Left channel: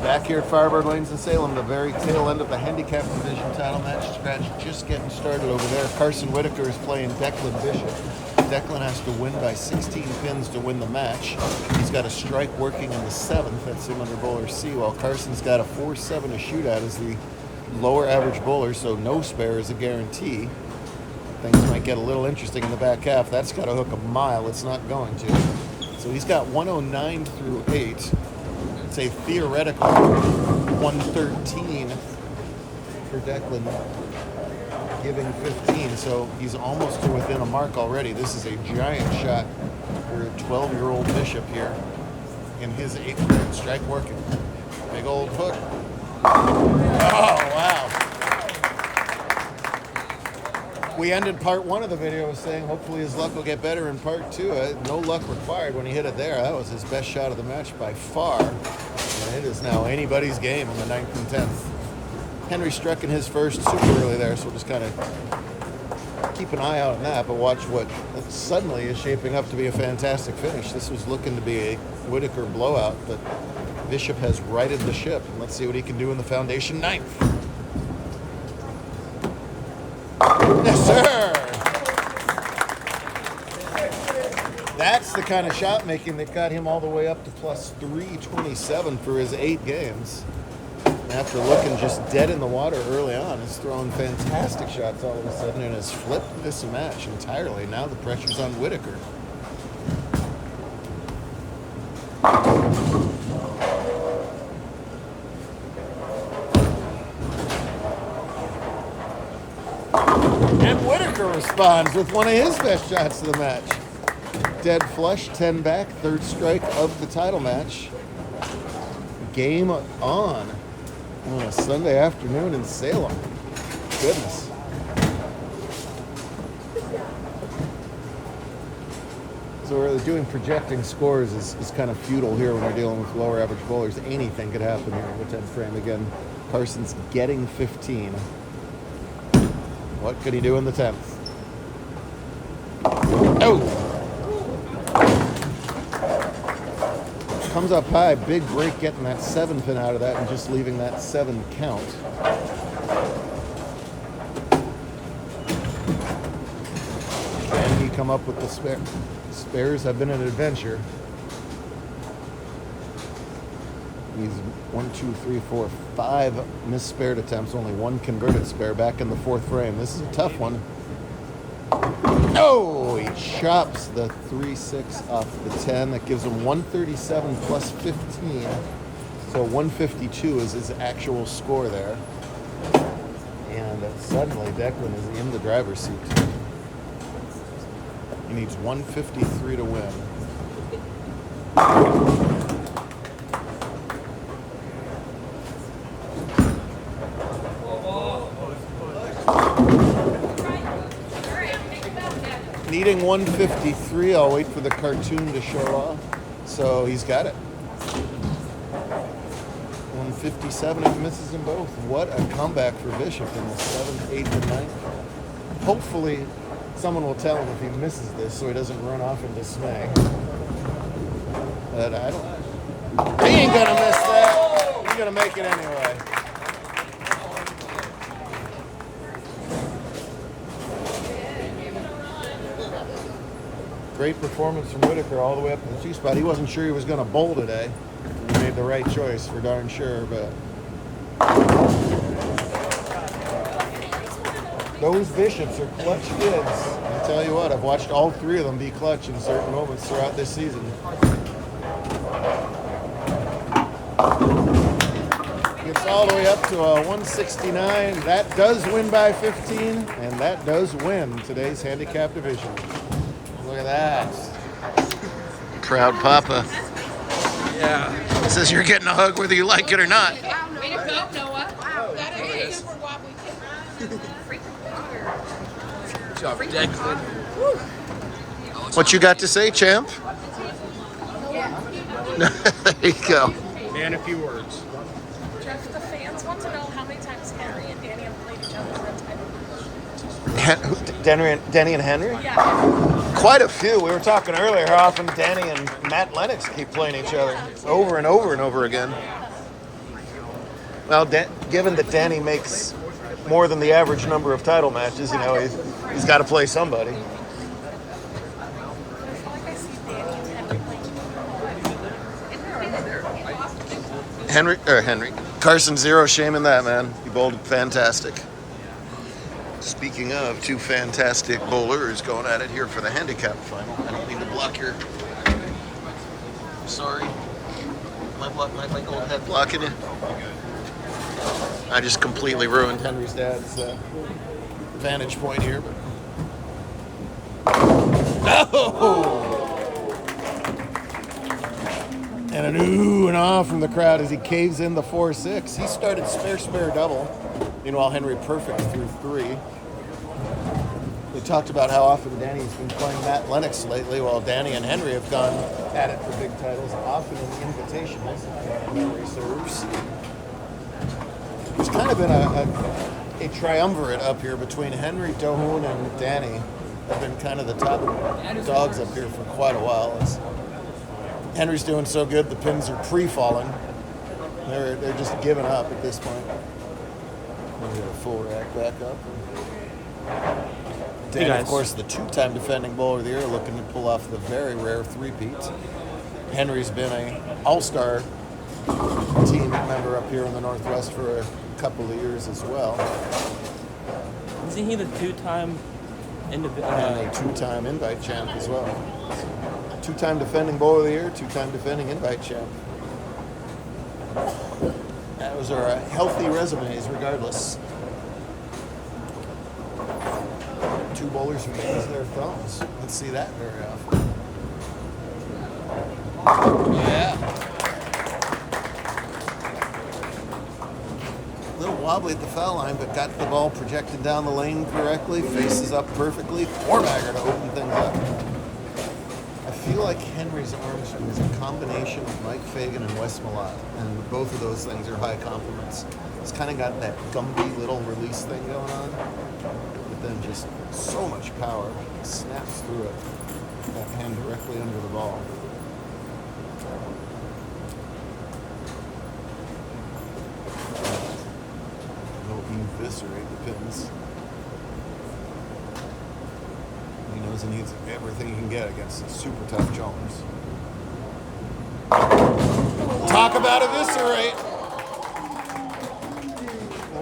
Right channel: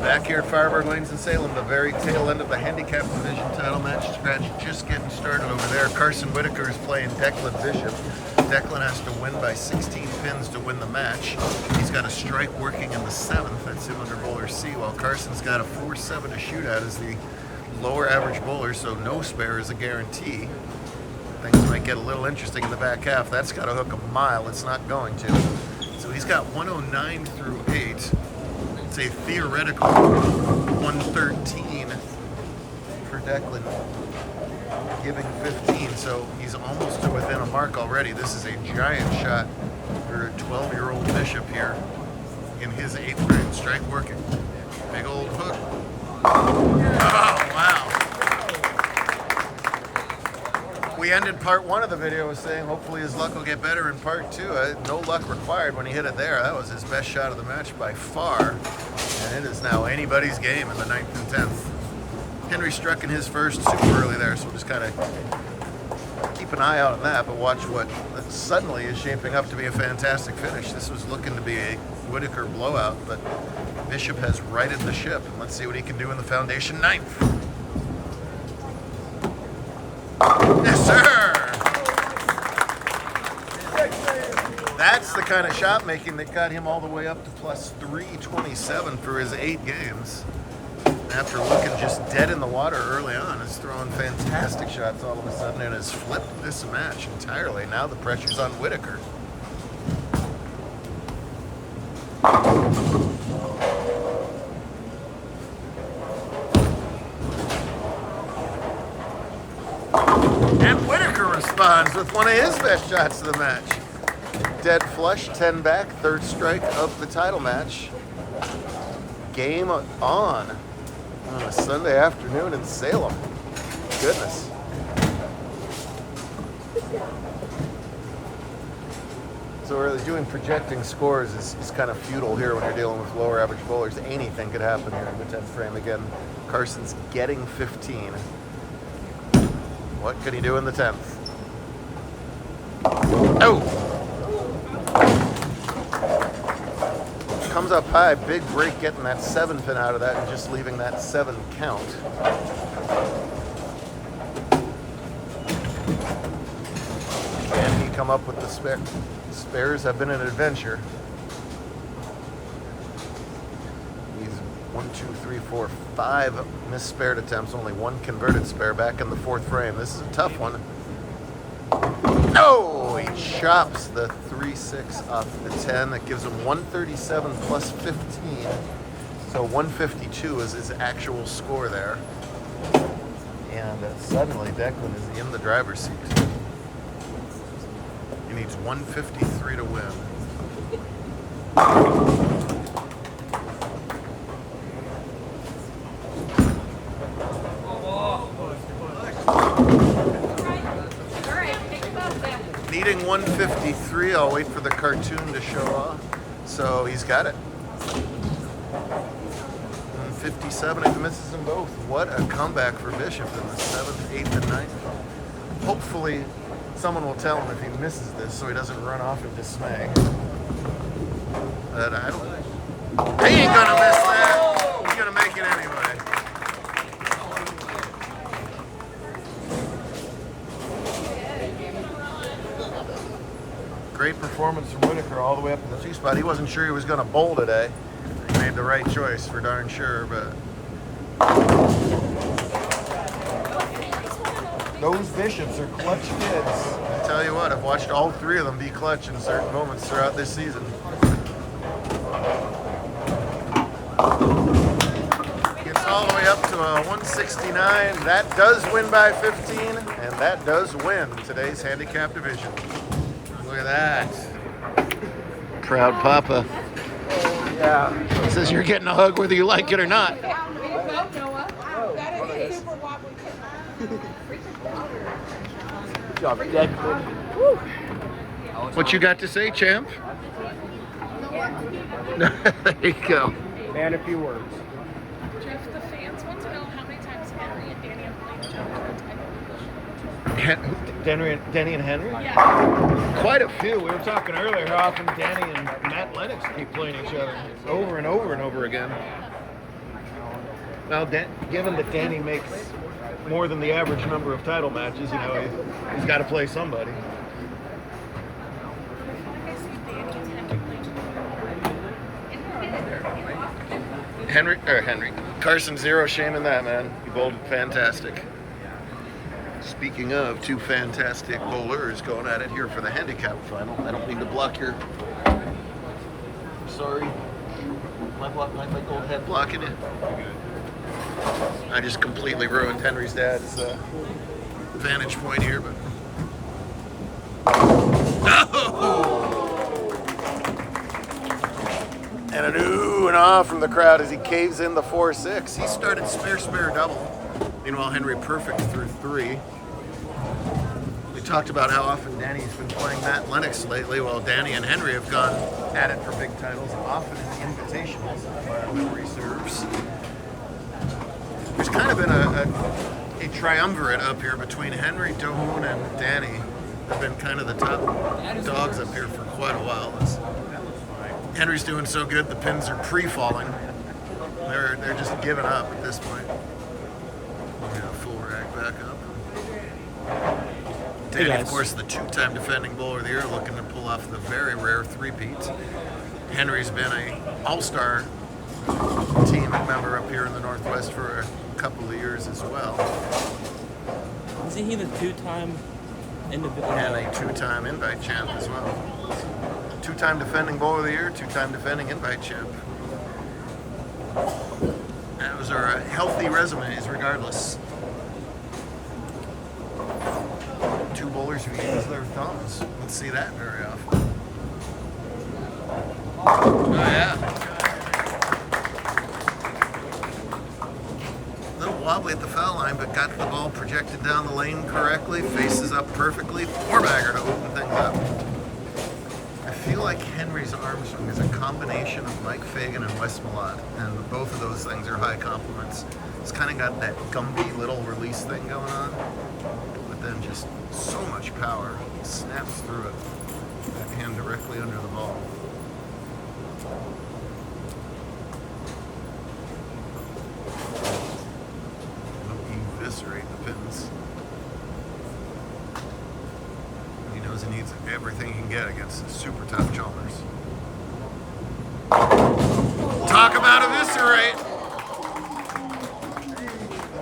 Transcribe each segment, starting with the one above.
Back here at Firebird Lanes in Salem, the very tail end of the handicap division title match. Scratch just getting started over there. Carson Whitaker is playing Declan Bishop. Declan has to win by 16 pins to win the match. He's got a strike working in the 7th. That's him under bowler C, while Carson's got a 4-7 to shoot at as the lower average bowler, so no spare is a guarantee. Things might get a little interesting in the back half. That's got to hook a mile. It's not going to. So he's got 109 through 8. It's a theoretical 113 for Declan, giving 15. So he's almost to within a mark already. This is a giant shot for a 12-year-old Bishop here in his 8th grade. Strike working. Big old hook. Oh, wow. We ended part 1 of the video saying hopefully his luck will get better in part 2. No luck required when he hit it there. That was his best shot of the match by far. And it is now anybody's game in the 9th and 10th. Henry struck in his first super early there, so we'll just kind of keep an eye out on that, but watch what suddenly is shaping up to be a fantastic finish. This was looking to be a Whitaker blowout, but Bishop has righted the ship. Let's see what he can do in the foundation 9th. Yes, sir! That's the kind of shot making that got him all the way up to plus 327 for his 8 games. After looking just dead in the water early on, is throwing fantastic shots all of a sudden and has flipped this match entirely. Now the pressure's on Whitaker. And Whitaker responds with one of his best shots of the match. Dead flush, 10 back, 3rd strike of the title match. Game on. On a Sunday afternoon in Salem. Goodness. So really doing projecting scores is kind of futile here when you're dealing with lower average bowlers. Anything could happen here in the 10th frame. Again, Carson's getting 15. What could he do in the 10th? Oh! Comes up high, big break getting that 7 pin out of that and just leaving that 7 count. Can he come up with the spare? Spares have been an adventure. He's 1, 2, 3, 4, 5 misspared attempts, only 1 converted spare back in the 4th frame. This is a tough one. No! He chops the 3-6 off the 10. That gives him 137 plus 15. So 152 is his actual score there. And suddenly Declan is in the driver's seat. He needs 153 to win. Needing 153, I'll wait for the cartoon to show up. So he's got it. 157 if he misses them both. What a comeback for Bishop in the 7th, 8th, and 9th. Hopefully someone will tell him if he misses this so he doesn't run off in dismay. But I don't know. He ain't gonna miss that. He's gonna make it anyway. Great performance from Whitaker all the way up to the 2 spot. He wasn't sure he was going to bowl today. He made the right choice for darn sure, but those Bishops are clutch kids. I tell you what, I've watched all 3 of them be clutch in certain moments throughout this season. Gets all the way up to a 169. That does win by 15, and that does win today's handicap division. Look at that. Proud Papa. Yeah. Says you're getting a hug whether you like it or not. Way to go, Noah. Wow. That is Good job, Declan. What you got to say, champ? There you go. And a few words. Jeff, the fans want to know how many times Henry and Danny have played each other. Danny and Henry? Yeah. Quite a few. We were talking earlier how often Danny and Matt Lennox keep playing each other over and over and over again. Well, given that Danny makes more than the average number of title matches, you know, he's got to play somebody. Henry. Carson, zero shame in that, man. You bowled fantastic. Speaking of two fantastic bowlers going at it here for the handicap final. I don't mean to block your... Sorry. My gold head blocking you. I just completely ruined Henry's dad's vantage point here, but... Oh! And an ooh and ah from the crowd as he caves in the 4-6. He started spare double. Meanwhile, Henry perfect through 3. We talked about how often Danny's been playing Matt Lennox lately, while Danny and Henry have gone at it for big titles, often in the invitationals, Henry serves. There's kind of been a triumvirate up here between Henry, Dohun, and Danny. They've been kind of the top dogs up here for quite a while. Henry's doing so good, the pins are pre-falling. They're just giving up at this point. We'll get a full rack back up. Danny, of course, the 2-time defending bowler of the year, looking to pull off the very rare 3-peat. Henry's been an all-star team member up here in the Northwest for a couple of years as well. Isn't he the 2-time individual? And a 2-time invite champ as well. 2-time defending bowler of the year, 2-time defending invite champ. Those are healthy resumes regardless. 2 bowlers who use their thumbs. Let's see that very often. Oh yeah. A little wobbly at the foul line, but got the ball projected down the lane correctly, faces up perfectly, 4-bagger to open things up. I feel like Henry's arm swing is a combination of Mike Fagan and Wes Malott, and both of those things are high compliments. It's kind of got that Gumby little release thing going on, but then just so much power. It snaps through it. That hand directly under the ball. He'll eviscerate the pins. He knows he needs everything he can get against the super tough Chalmers. Talk about eviscerate!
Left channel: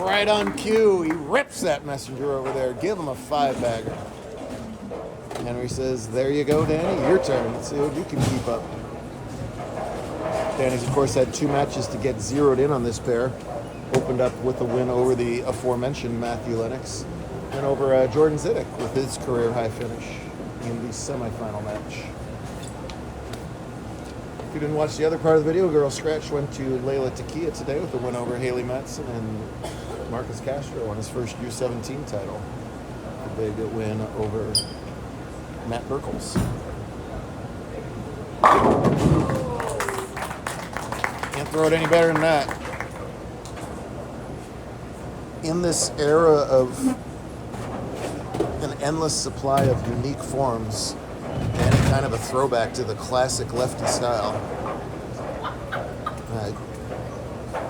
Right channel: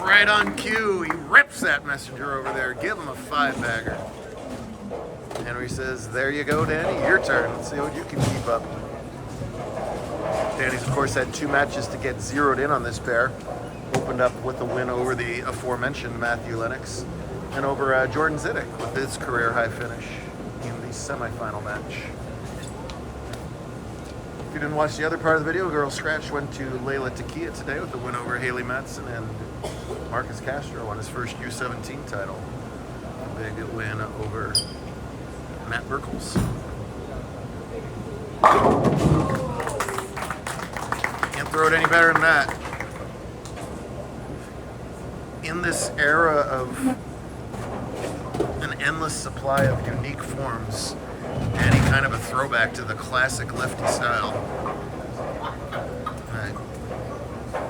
Right on cue, he rips that messenger over there. Give him a 5-bagger. Henry says, there you go, Danny, your turn. Let's see what you can keep up. Danny's, of course, had 2 matches to get zeroed in on this pair. Opened up with a win over the aforementioned Matthew Lennox and over Jordan Zidek with his career high finish in the semifinal match. If you didn't watch the other part of the video, Girl Scratch went to Layla Takia today with the win over Haley Metz and Marcus Castro on his first U17 title. A big win over Matt Burkles. Can't throw it any better than that. In this era of an endless supply of unique forms and kind of a throwback to the classic lefty style,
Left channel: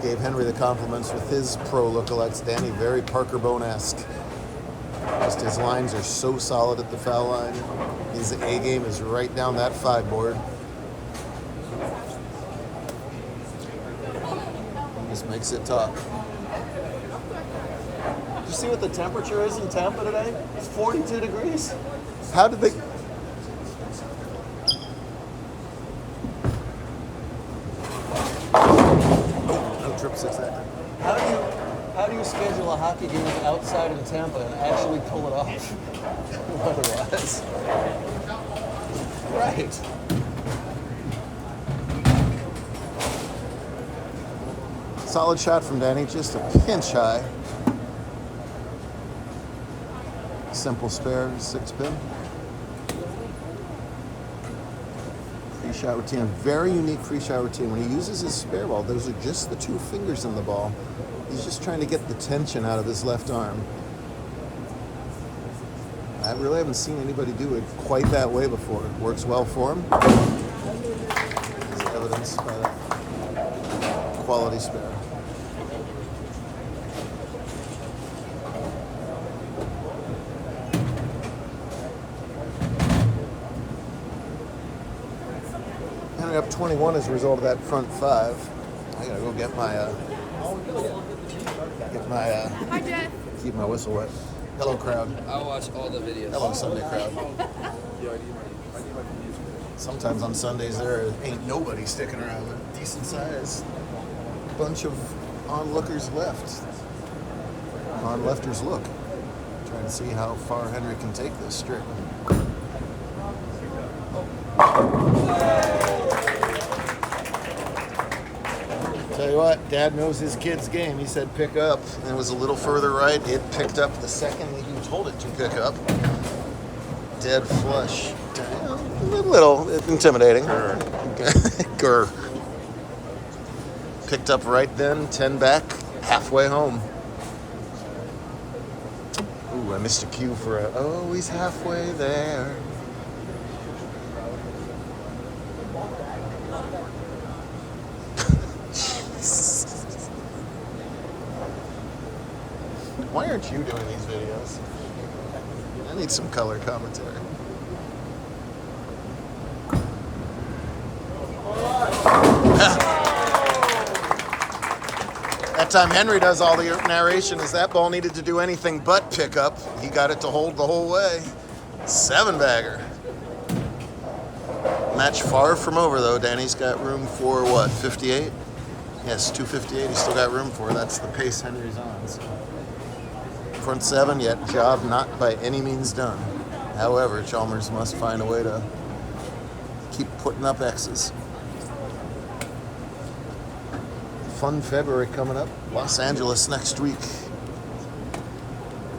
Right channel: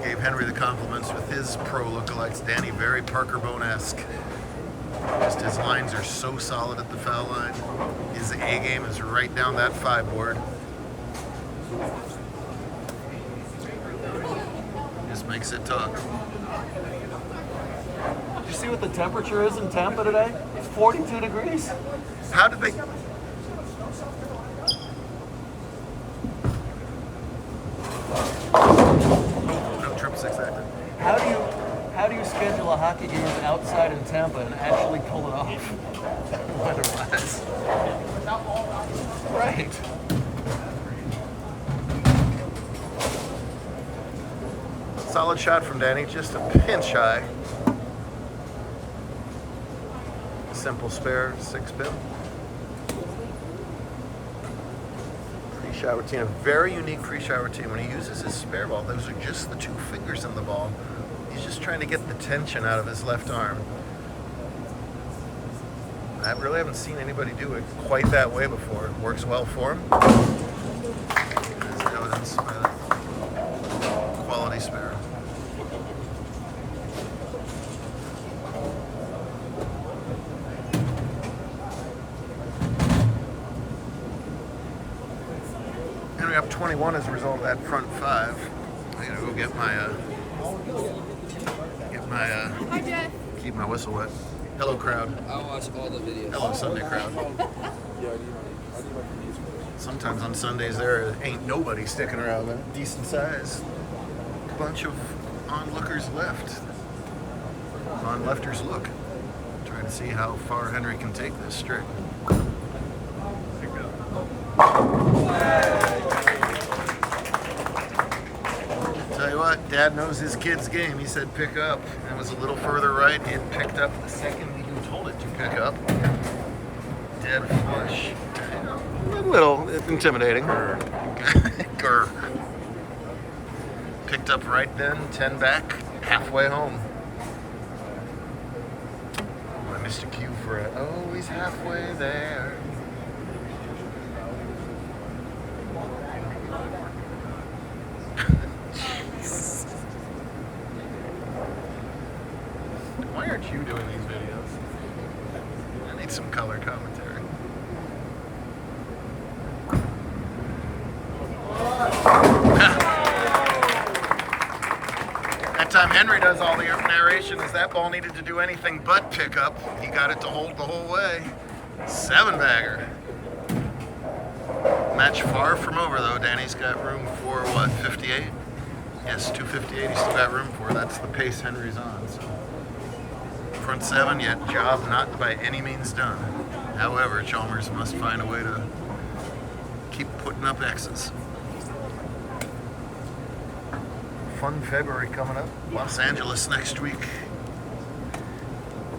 gave Henry the compliments with his pro lookalikes. Danny, very Parker Bone-esque. Just his lines are so solid at the foul line. His A game is right down that 5 board. Just makes it talk. Did you see what the temperature is in Tampa today? It's 42 degrees. How did they... No trip 6 active. How do you schedule a hockey game outside in Tampa and actually pull it off weather-wise? Right. Solid shot from Danny, just a pinch high. Simple spare, 6-pin. Pre-shower routine, a very unique pre-shower routine. When he uses his spare ball, those are just the 2 fingers in the ball. He's just trying to get the tension out of his left arm. I really haven't seen anybody do it quite that way before. It works well for him. There's evidence by that quality spare. 21 as a result of that front 5. I gotta go get my Hi, Jeff. keep my whistle wet. Hello, crowd. I'll watch all the videos. Hello, Sunday crowd. Sometimes on Sundays there ain't nobody sticking around. A decent sized bunch of onlookers left. On-lifters look. Trying to see how far Henry can take this streak. Tell you what, Dad knows his kid's game. He said pick up, and it was a little further right. It picked up the second that you told it to pick up. Dead flush. A little intimidating. Grr. Picked up right then, 10 back, halfway home. Ooh, I missed a cue for it. Oh, he's halfway there. Why aren't you doing these videos? I need some color commentary. That time Henry does all the narration as that ball needed to do anything but pick up. He got it to hold the whole way. 7-bagger. Match far from over though. Danny's got room for what, 58? Yes, 258 he's still got room for. That's the pace Henry's on. So. Front 7, yet job not by any means done. However, Chalmers must find a way to keep putting up X's. Fun February coming up. Los Angeles next week.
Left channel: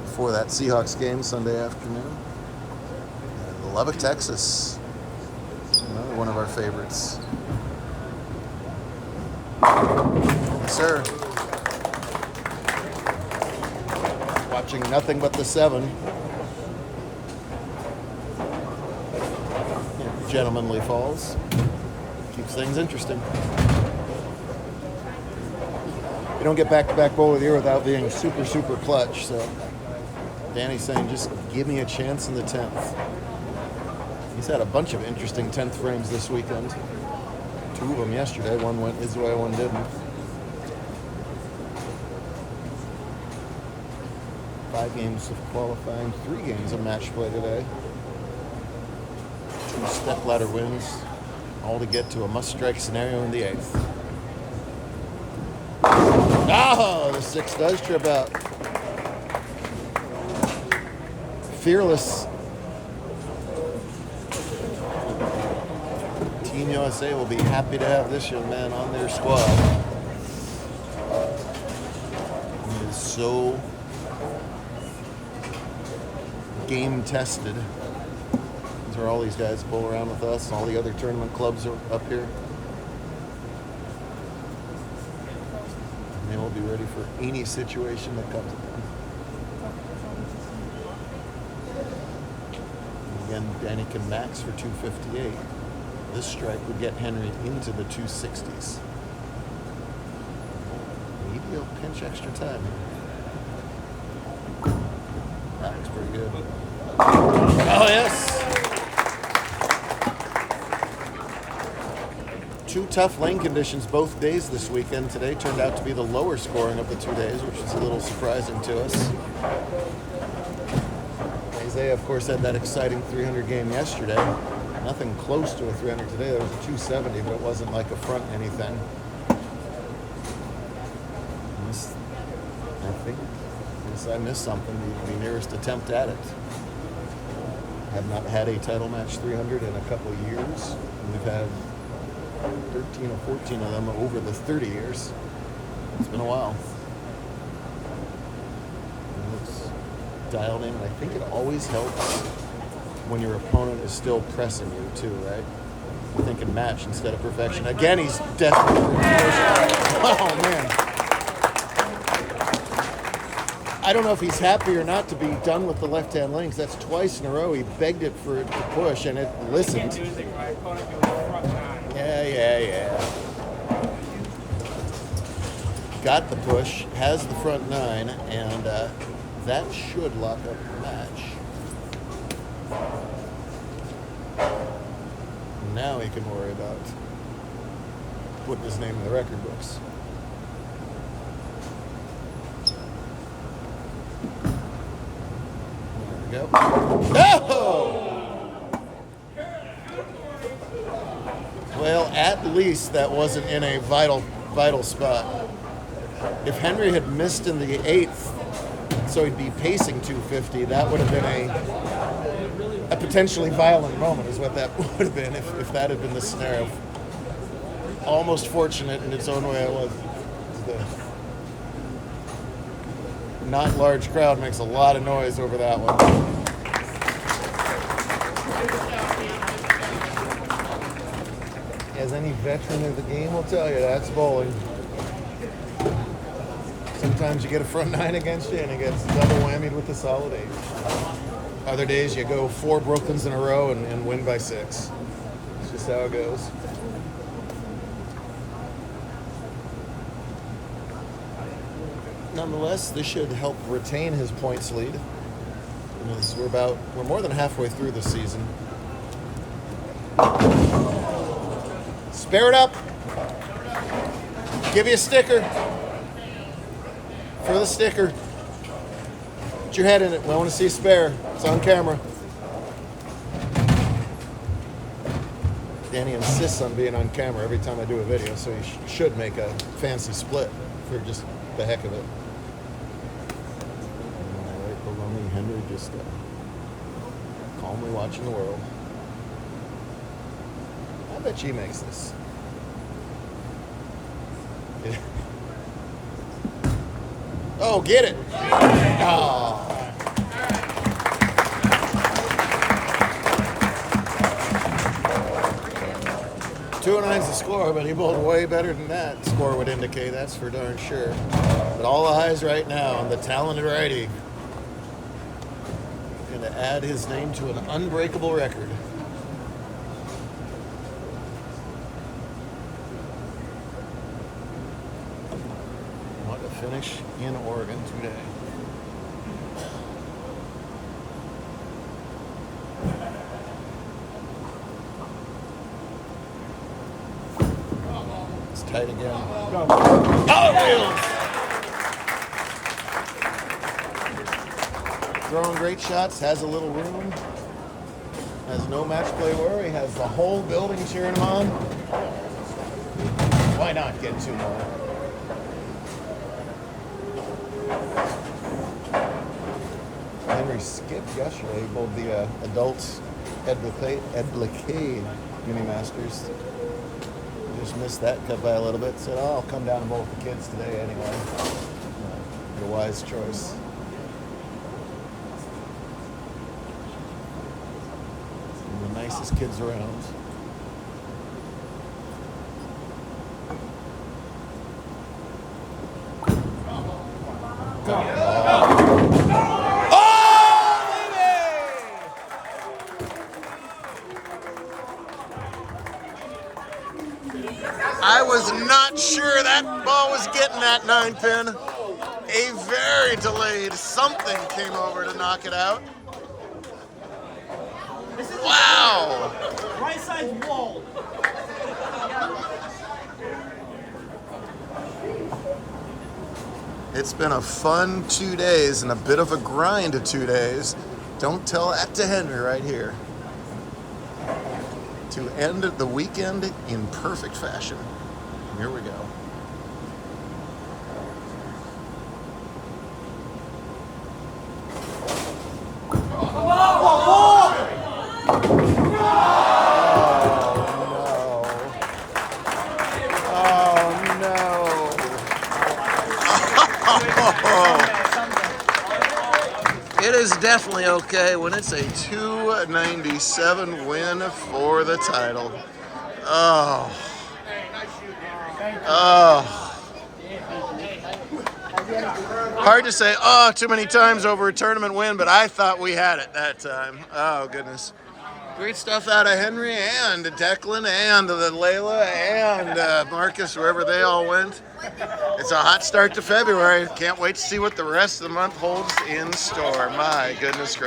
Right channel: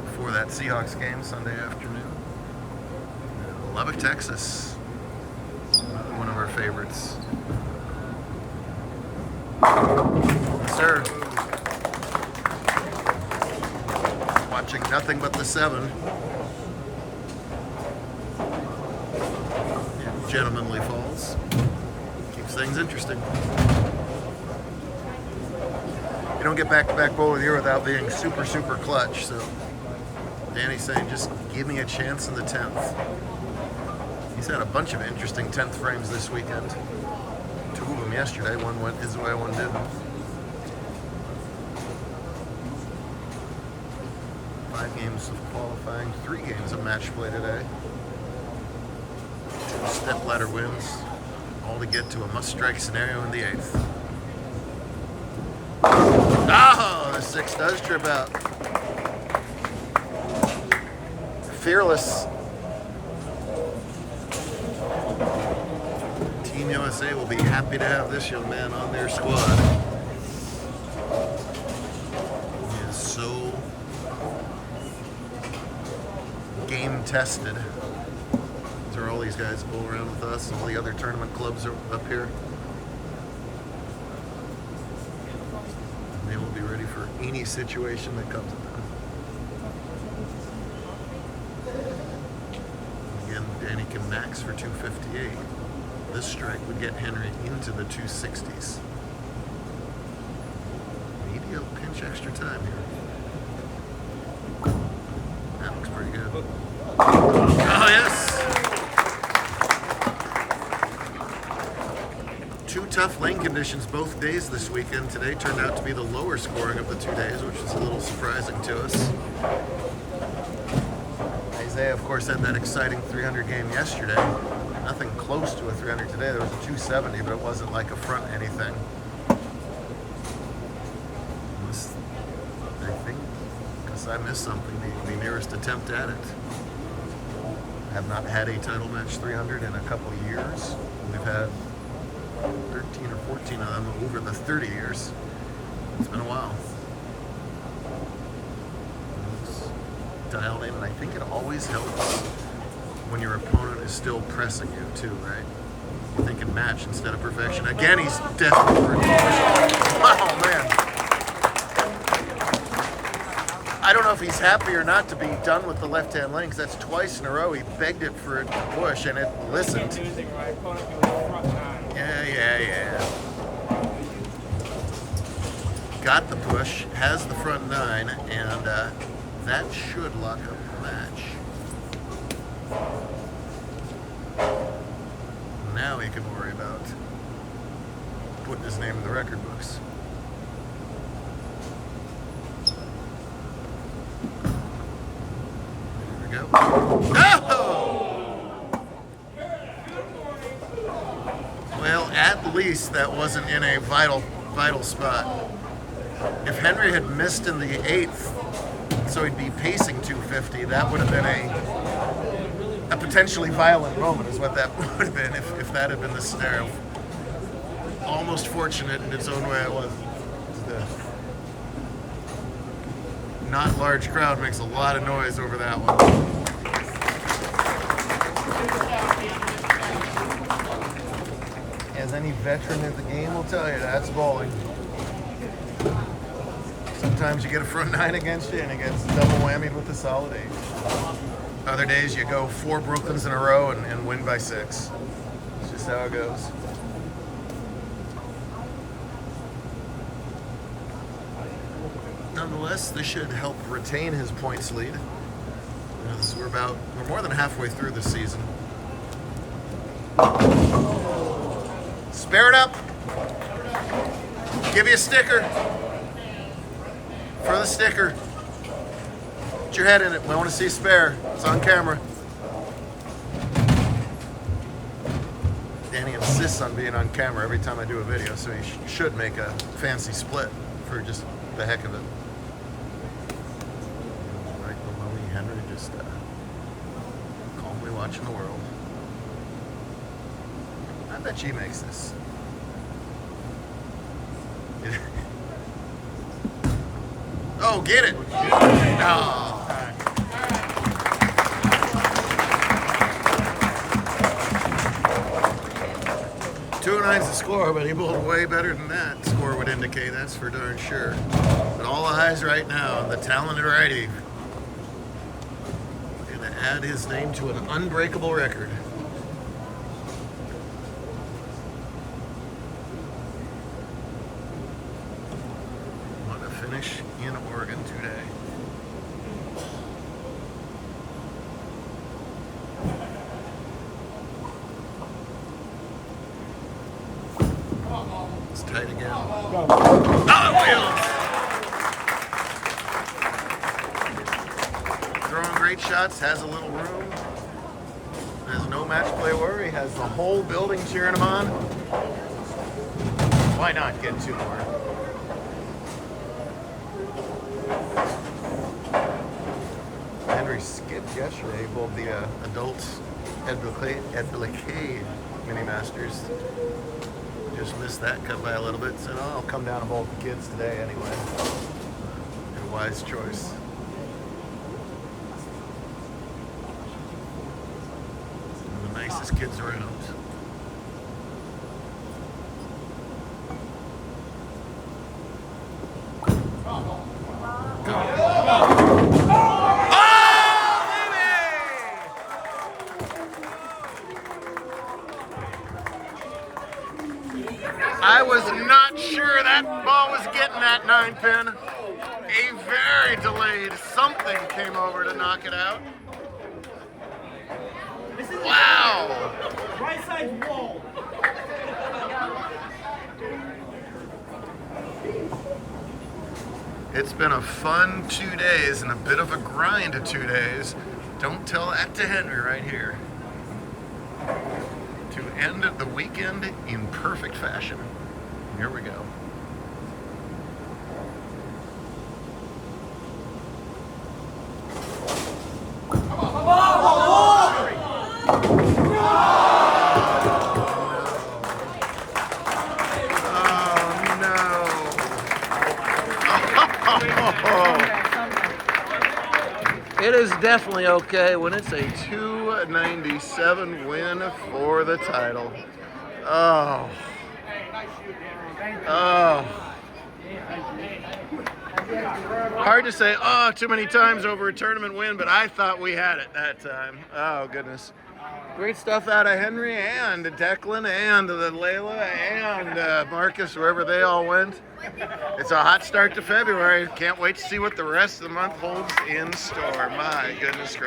Before that Seahawks game Sunday afternoon. And Lubbock, Texas. Another one of our favorites. Yes, sir. Watching nothing but the 7. Yeah, gentlemanly falls. Keeps things interesting. You don't get back-to-back bowl of the year without being super, super clutch. So Danny's saying, just give me a chance in the 10th. He's had a bunch of interesting 10th frames this weekend. 2 of them yesterday. One went his way, one didn't. 5 games of qualifying, 3 games of match play today. 2 step-ladder wins, all to get to a must-strike scenario in the 8th. Oh, the 6 does trip out. Fearless. Team USA will be happy to have this young man on their squad. He is so game tested. These are all these guys that bowl around with us. All the other tournament clubs are up here. And they will be ready for any situation that comes at them. Again, Danny can max for 258. This strike would get Henry into the 260s. Maybe he'll pinch extra time here. That looks pretty good. Oh, yes! 2 tough lane conditions both days this weekend. Today turned out to be the lower scoring of the 2 days, which is a little surprising to us. Isaiah, of course, had that exciting 300 game yesterday. Nothing close to a 300 today. There was a 270, but it wasn't like a front anything. I think, because I missed something, the nearest attempt at it. Have not had a title match 300 in a couple of years. We've had 13 or 14 of them over the 30 years. It's been a while. It's dialed in, and I think it always helps when your opponent is still pressing you too, right? You're thinking match instead of perfection. Again, he's desperate for perfection. Oh, man. I don't know if he's happy or not to be done with the left-hand lane, because that's twice in a row. He begged it for it to push, and it listened. Yeah. Got the push, has the front 9, and that should lock up the match. Now he can worry about putting his name in the record books. There we go. Oh! Well, at least that wasn't in a vital spot. If Henry had missed in the 8th, so he'd be pacing 250, that would have been a potentially violent moment, is what that would have been if that had been the scenario. Almost fortunate in its own way it was. The not large crowd makes a lot of noise over that one. As any veteran of the game will tell you, that's bowling. Sometimes you get a front 9 against you and it gets double whammied with the solid 8. Other days you go 4 Brooklyns in a row and win by 6. It's just how it goes. Nonetheless, this should help retain his points lead. As we're more than halfway through the season. Spare it up. Give you a sticker. For the sticker. Put your head in it. I want to see spare. It's on camera. Danny insists on being on camera every time I do a video, so he should make a fancy split for just the heck of it. Right below me, Henry just calmly watching the world. I bet she makes this. Oh, get it! Oh. 209's the score, but he bowled way better than that score would indicate, that's for darn sure. But all eyes right now on the talented righty. Going to add his name to an unbreakable record. What a finish in Oregon today. It's tight again. Oh, wheels! Throwing great shots, has a little room, has no match play worry, has the whole building cheering him on. Why not get 2 more? Henry skipped yesterday, he bowled the adult Edlicade Mini Masters. Just missed that cut by a little bit. Said, oh, I'll come down and bowl with the kids today anyway. A wise choice. One of the nicest kids around. I was not sure that ball was getting that 9-pin. A very delayed something came over to knock it out. Wow! Right side wall. It's been a fun 2 days and a bit of a grind of 2 days. Don't tell that to Henry right here. To end the weekend in perfect fashion. Here we go. It is definitely okay when it's a 297 win for the title. Oh. Oh. Hard to say, oh, too many times over a tournament win, but I thought we had it that time. Oh, goodness. Great stuff out of Henry and Declan and the Layla and Marcus, wherever they all went. It's a hot start to February. Can't wait to see what the rest of the month holds in store. My goodness gracious.